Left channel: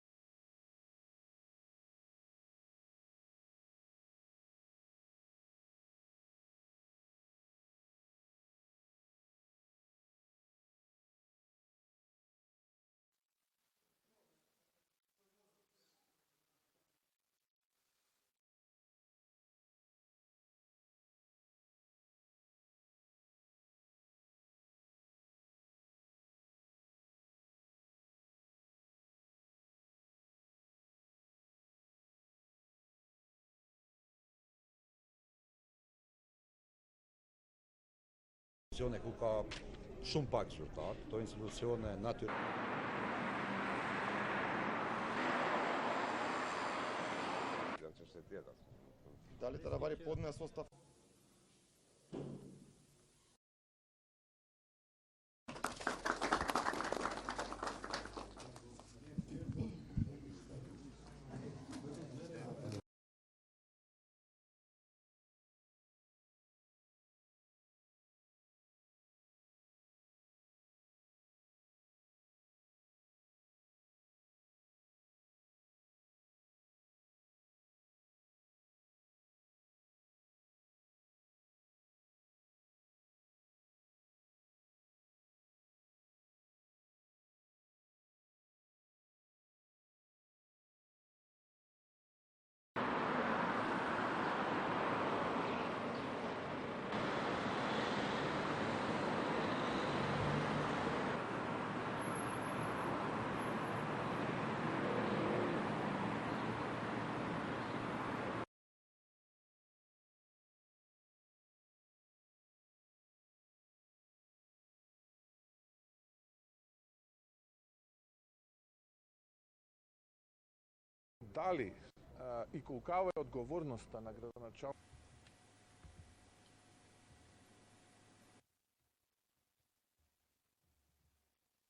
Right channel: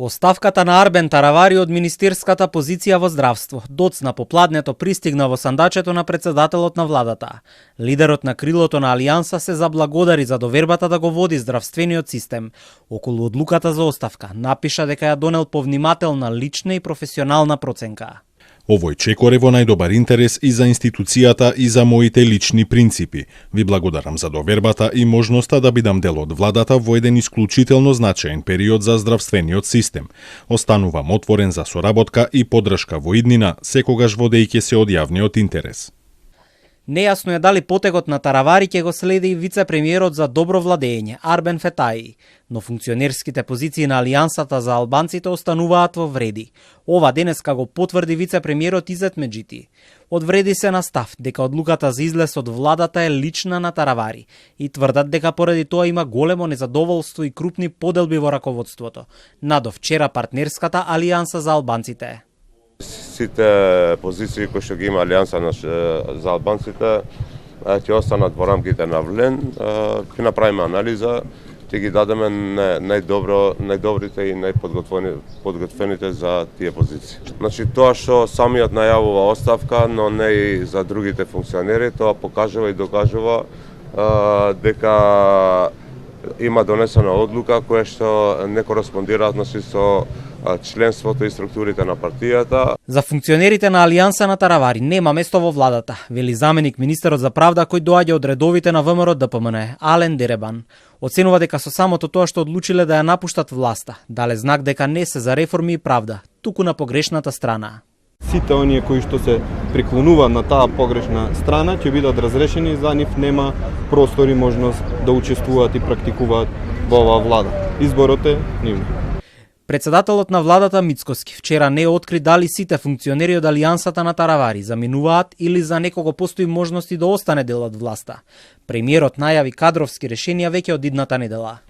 Оставката на Арбен Таравари од министерската позиција во здравство доцна попладнето пристигна во сандачето на председателот на владата. Лидерот на крилото на Алијанса се заблагодари за довербата да го води здравствениот систем. Околу одлуката за оставка напиша дека ја донел повнимателна лична и професионална проценка. Овој чекор е во најдобар интерес и за институцијата и за моите лични принципи. Ви благодарам за довербата и можноста да бидам дел од владата во еден исклучително значаен период за здравствениот систем. Останувам отворен за соработка и поддршка во иднина, секогаш водејќи се од јавниот интерес. Нејасно е дали потегот на Таравари ќе го следи и вице-премиерот за добро владење Арбен Фетаи, но функционерските позиции на Алијансата за албанците остануваат во вреди. Ова денеска го потврди вице-премиерот Изет Меджити. Одвреди се на став дека одлуката за излез од владата е лична на Таравари и тврдат дека поради тоа има големо незадоволство и крупни поделби во раководството. Надо вчера партнерската Алијанса за албанците. Сите позиции кои што ги има Алијанса за албанците ќе останат во рамките на ВЛЕН. Ќе направиме анализа, ќе ги дадеме најдобрите и најподготвените за тие позиции. Значи тоа што самиот најавува оставка, но не и за другите функционери, тоа покажува и докажува дека има донесена одлука која што не кореспондира со членството и структурите на партијата. За функционерите на Алијанса на Таравари нема место во владата, вели заменик министерот за правда кој доаѓа од редовите на ВМРО ДПМН, Ален Деребан. Оценува дека со самото тоа што одлучиле да ја напуштат власта, дале знак дека не се за реформи и правда, туку на погрешната страна. Сите оние кои што се преклонуваат на таа погрешна страна ќе бидат разрешени, за нив нема простор и можност да учествуваат и практикуваат во оваа влада. Изборот е нивно. Председателот на владата Мицкоски вчера не откри дали сите функционери од Алијансата на Таравари заминуваат или за некого постои можности да остане дел од власта. Премиерот најави кадровски решенија веќе од идната недела.